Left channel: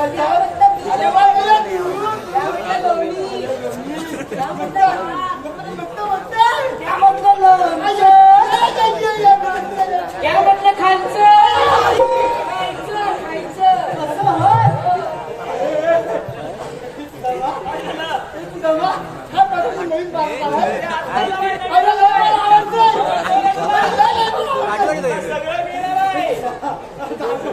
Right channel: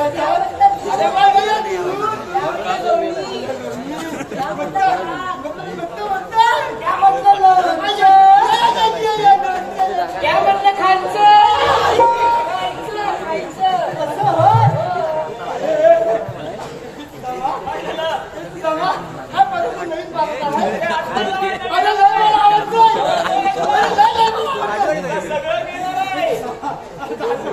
Olha o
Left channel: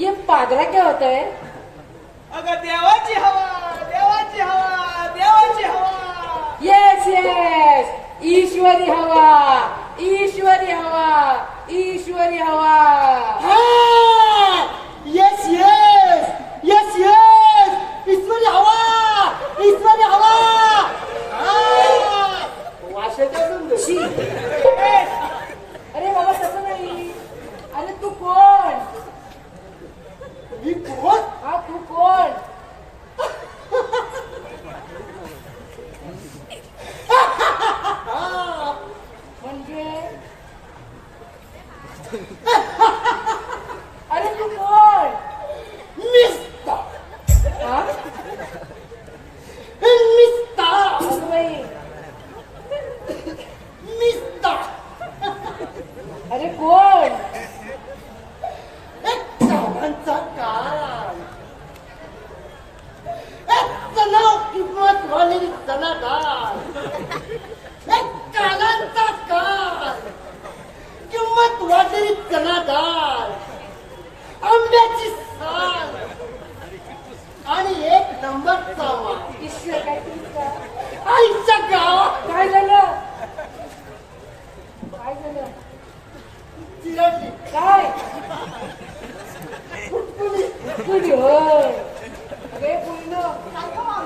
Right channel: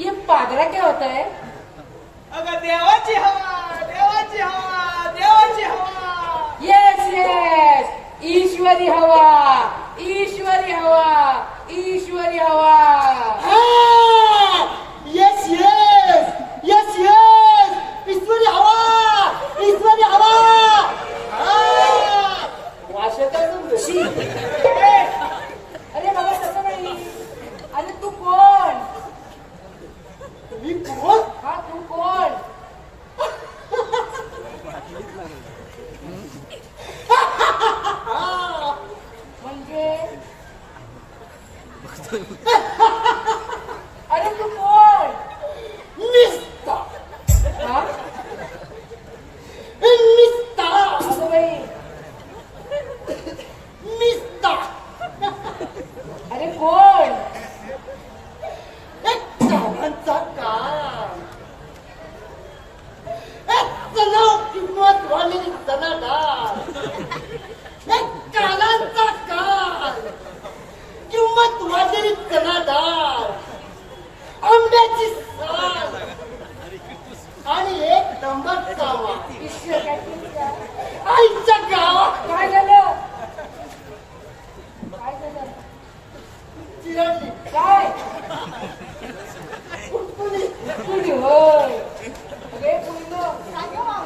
ये पागला क्या होत आहे अगं देवाची हवा देवाची हवा देवाची हवा. येस येस ईश्वरी हवा ईश्वरी हवा ईश्वरी हवा. 呵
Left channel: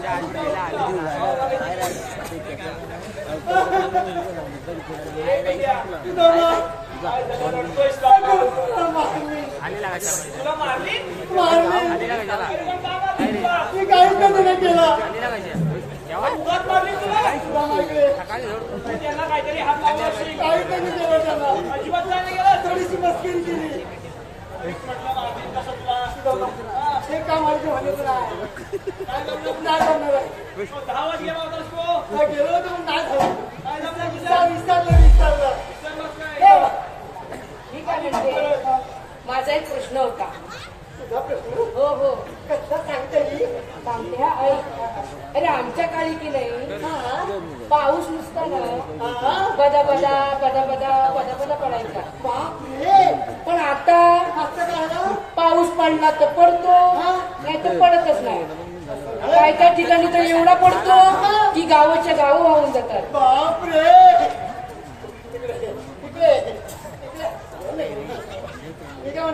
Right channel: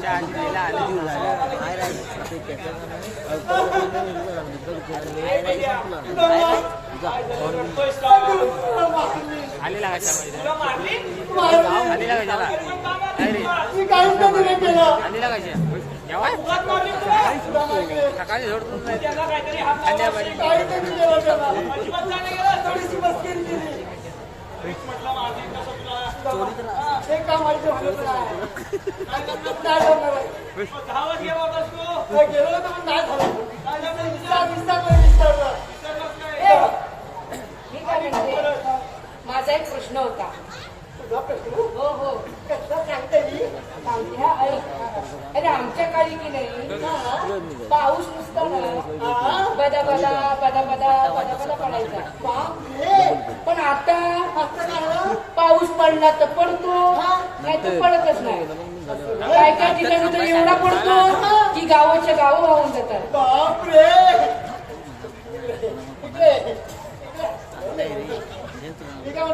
काहीतरी हात अजिबात केली माझा एक प्रश्न होता हो हो कसं सांगते मी? अरे आमच्या काळी की नाही पाऊस नुसता ना हा? बदा बदा बदा बदा बदा बदा पडायचा बापरे. पण आता? पाऊस पडला तर पडतो. नाही तर पडतच नाही. काय काय ठिकाणी तर एवढा पडतो की गावाच्या गाव वाहून जातात. बापरे! काय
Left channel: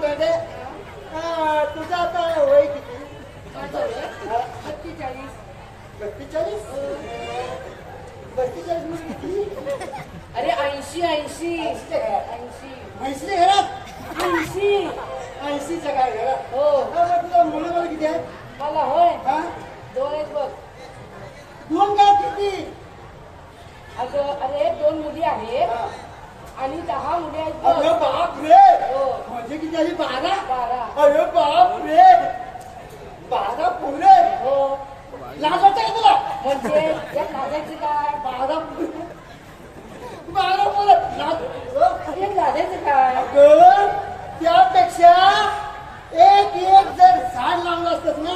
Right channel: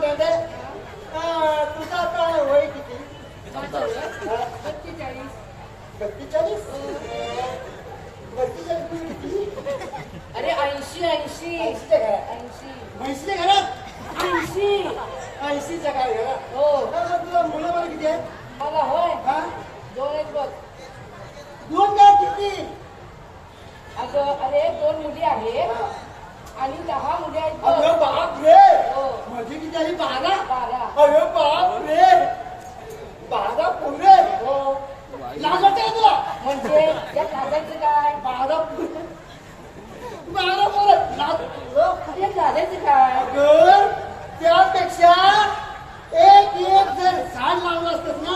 तुझं आता वय सत्तेचाळीस किती अरे ऐंशी ऐंशी. ऐंशी म्हैसली घरात. ऐंशी. ऐंशीचं काय घरात? हो. तुला मुलं मला किती आहेत? मला होय. हा? दोन बघ. दोन काय किती? अगं अरे दोन मुली आहेत. आणि दहा मुली आहेत. अरे बाप रे हो. माझे किती आहे? बारा. अरे बाप रे बारा पुरे हो. लाज वाटते तुला? म्हणजे या खाजायचं काय बारा पुरे बारा झाल्याचं काय अगं, त्यापेक्षा एक एक जर झाड लावलं असत ना?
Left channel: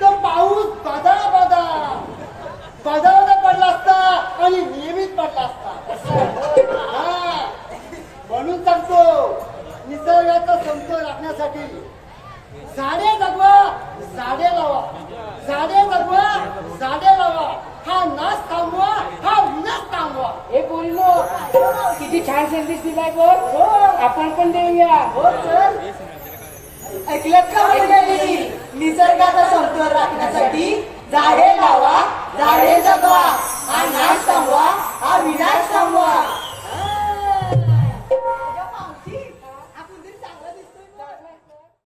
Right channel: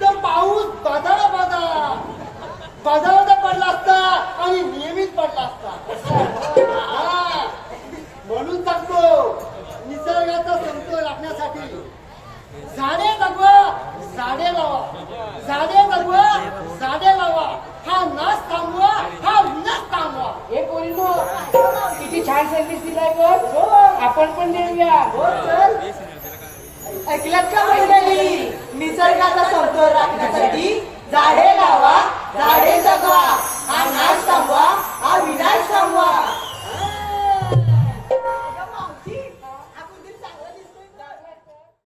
तर पाऊस बदा बदा बदा पडला असता आणि नियमित पडला आपण पण देऊया. हो, ऐकलं का मंडळी? निसर्गाचा समतोल राखण्यासाठी झाडे लावा झाडे जगवा आणि